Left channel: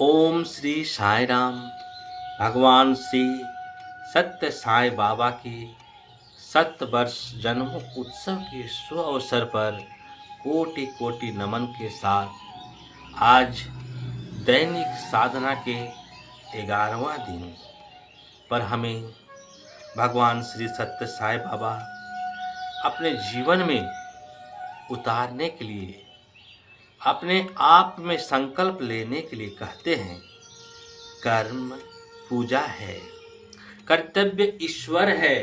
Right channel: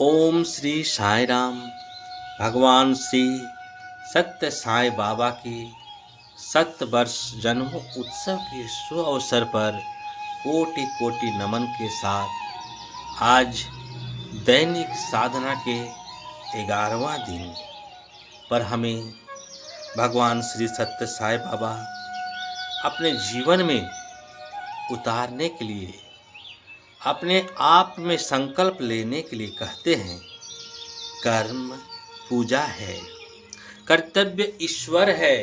ओम श्री साई राम। भगवान श्री सत्य साई बाबा के 7 वर्ष जन्म उत्सव के शुभ अवसर पर कोटि कोटि नमन के साथ आज दैनिक साधना के 11वां दिन पर हमें भगवान श्री सत्य साई बाबा अपने जीवन में उतारने के लिए अपने आप में संकल्प लेने के लिए कहते हैं। कर्म पूजा है, कर्तव्य ईश्वर है।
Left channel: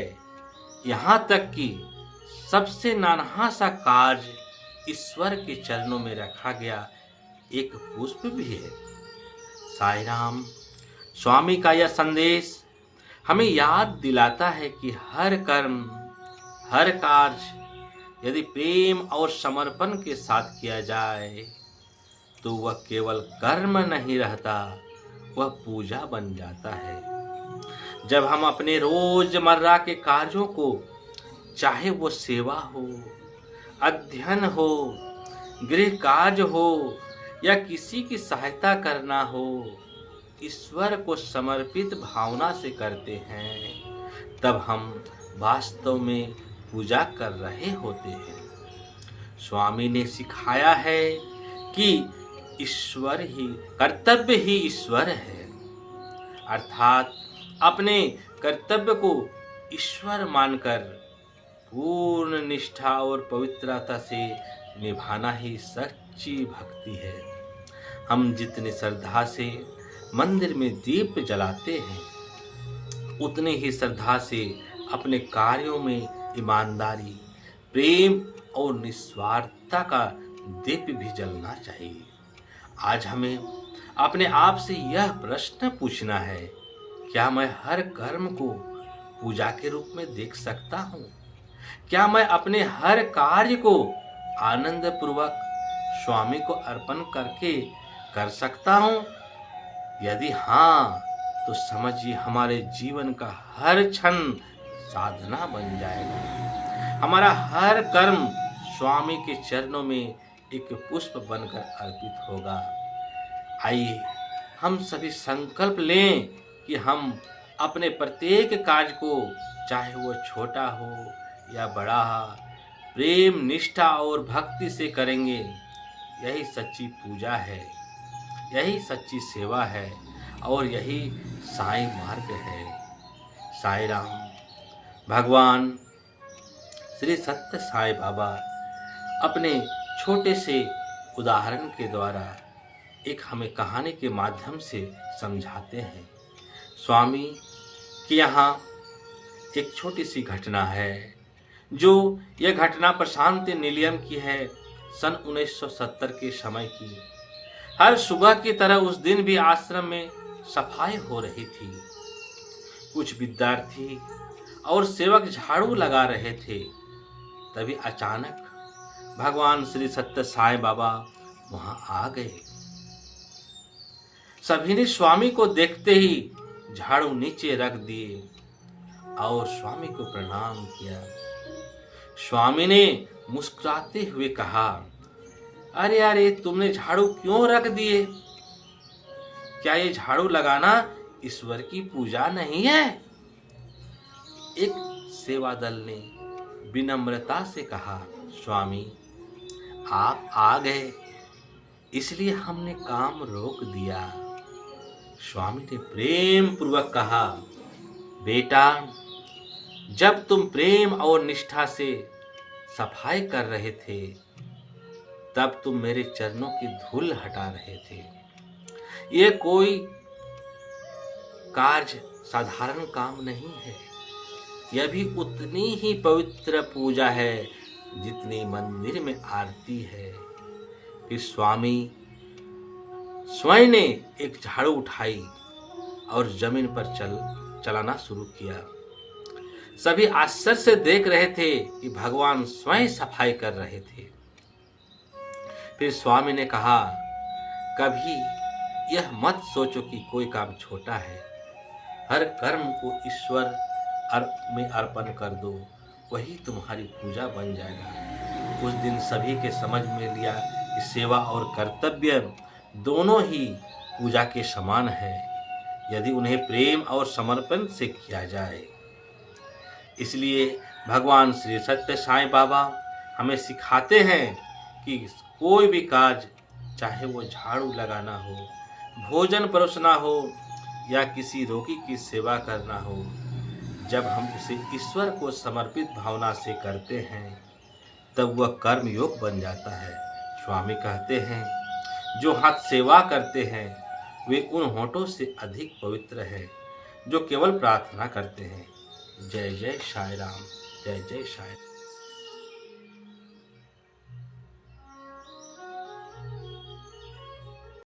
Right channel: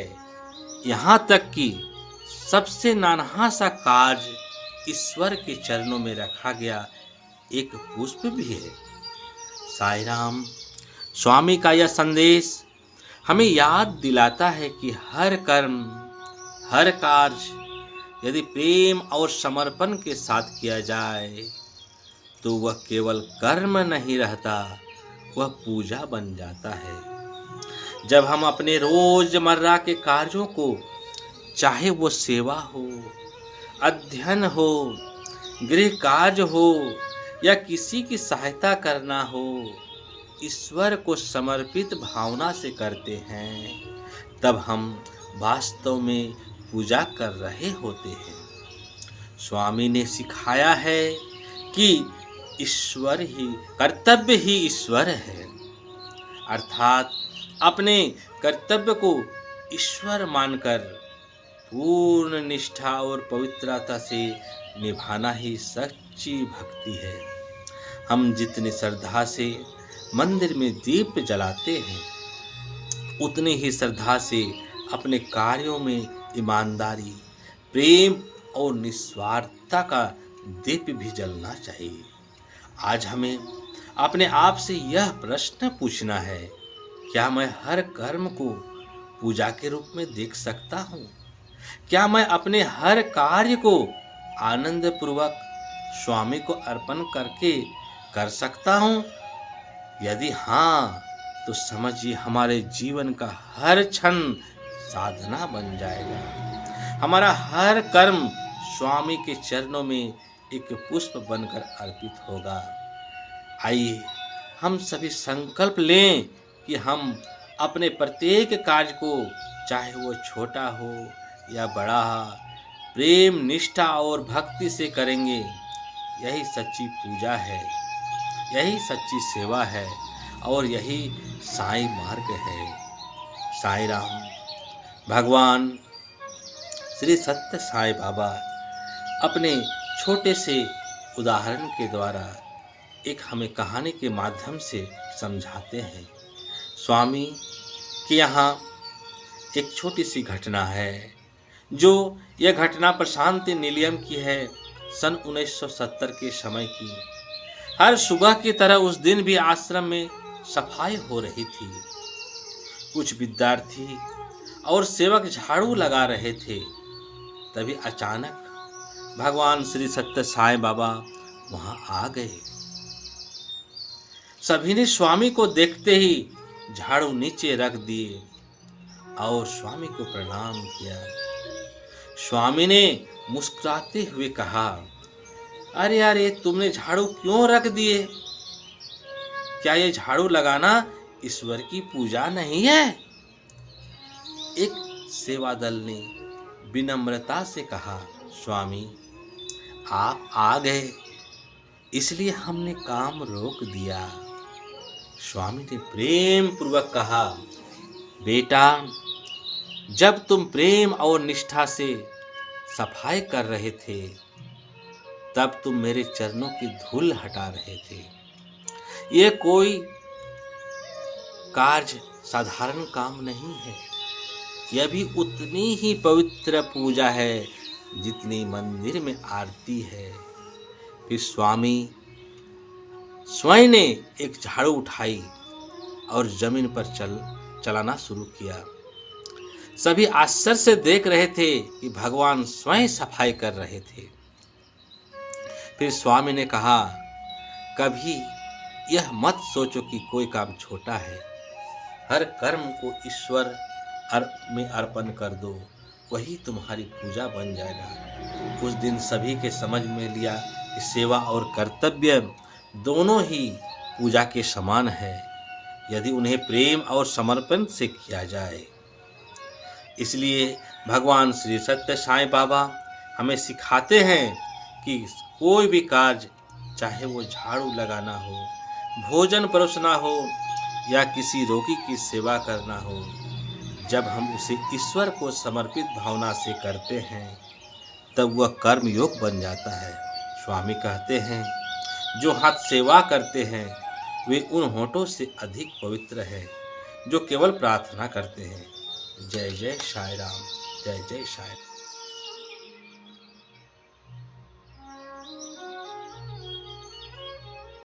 यहाँ तक कि सबसे नानहा सा कार्य ईश्वर के चरणों में रखा गया एक पुष्प भी है। साईं राम स्वामी का यह संदेश हमें याद दिलाता है कि हर कर्म, हर कार्य यदि प्रेम और समर्पण के साथ किया जाए तो वह केवल कर्म नहीं रहता, वह पूजा बन जाता है। जब हम अपने रोजमर्रा के कार्यों को, चाहे वो सेवा हो, अध्ययन हो, गृह कार्य हो या किसी की सहायता करना हो, ईश्वर को समर्पित भावना से करते हैं, तब हम वास्तव में पूजा कर रहे होते हैं। स्वामी ने सिखाया है कि ईश्वर ही, कर्तव्य ही ईश्वर है, अर्थात अपने कर्तव्य को ईश्वर मानकर पूर्ण निष्ठा और पवित्रता से निभाना ही सच्ची भक्ति है। हम जितनी श्रद्धा से मंदिर में दीप जलाते हैं, उतनी ही श्रद्धा से अपने कार्यों में ईमानदारी, प्रेम और निस्वार्थता का दीप भी जलना चाहिए। आज हमें अपने आप से यह प्रश्न पूछना है, क्या मैं हर कर्म को पूजा के रूप में देख सकता हूँ? क्या मैं अपने हर कार्य को आनंद पूर्वक स्वामी को अर्पण करके कर सकता हूँ? यदि हाँ, तो समझिए हमारे जीवन का हर क्षण साधना बन जाएगा। हमारा हर कर्म स्वामी के चरणों में एक पुष्प बनकर अर्पित होगा। आइए हम सभी संकल्प लें कि हम अपने प्रत्येक कार्य को, चाहे वो छोटा हो या बड़ा, प्रेम, निष्ठा और भक्ति से करेंगे। यही सच्ची पूजा है, यही सच्ची सेवा है और यही साईं मार्ग है। साईं राम। भगवान श्री सत्य साई बाबा अपने छोटे से उदाहरण के द्वारा एक हमें कहानी के माध्यम से समझाते हैं। स्वामी के यहाँ एक छोटी सी घटना है, जो यह घटना प्रशांत निलयम की है, सन 1970 के समय की। हर सुबह की तरह उस दिन भी आश्रम में सफाई हो रही थी। कुछ विद्यार्थी और सेवक झाड़ू लगा रहे थे। तभी अचानक भगवान श्री सत्य साई बाबा वहां आ गए। सभी ने स्वामी को देखते ही झाड़ू नीचे रख दिए और स्वामी को प्रणाम किया। स्वामी ने मुस्कुराते हुए कहा, अरे अरे, तुमने झाड़ू क्यों रख दिए? क्या ये झाड़ू लगाना ईश्वर की पूजा नहीं है? एक सेवा दल ने विनम्रता से कहा, स्वामी आप आ गए, इसलिए हमने काम रोक दिया। स्वामी ने प्रेम पूर्वक कहा, बेटा, जब तुम प्रेम और निष्ठा से सफाई कर रहे थे, तब तुम मेरे चरणों की धूल हटा रहे थे। ये कोई कार्य साधारण काम नहीं है, यह भी उतनी ही पवित्र पूजा है जितनी मंदिर में आरती है। फिर स्वामी स्वयं ने एक झाड़ू उठाई और जमीन पर चलाना शुरू किया। सभी आश्चर्य से देख रहे थे कि भगवान स्वयं सफाई कर रहे थे। फिर स्वामी ने कहा, कभी यह मत सोचो कि कोई काम छोटा है। हर कर्म को ईश्वर में अर्पण कर दो, वही तुम्हारी पूजा बन जाएगा। उस दिन सभी के समझ में लिया कि सेवा और कर्तव्य दोनों ही पूजा के समान है यदि उन्हें प्रेम और समर्पण से किया जाए। इसलिए भगवान श्री सत्य साईं बाबा हमें सिखाते हैं कि कोई भी कार्य, चाहे वो झाड़ू लगाना हो, भोजन परोसना हो या किसी रोगी की सेवा करना हो, जब हम उसे ईश्वर को समर्पित भावना से करते हैं तब वह कर्म योग बन जाता है। स्वामी कहते हैं, जो हाथ सेवा करते हैं वे उन होठों से अधिक पवित्र है जो केवल प्रार्थना करते हैं। जय जय साईं राम, जय जय साईं।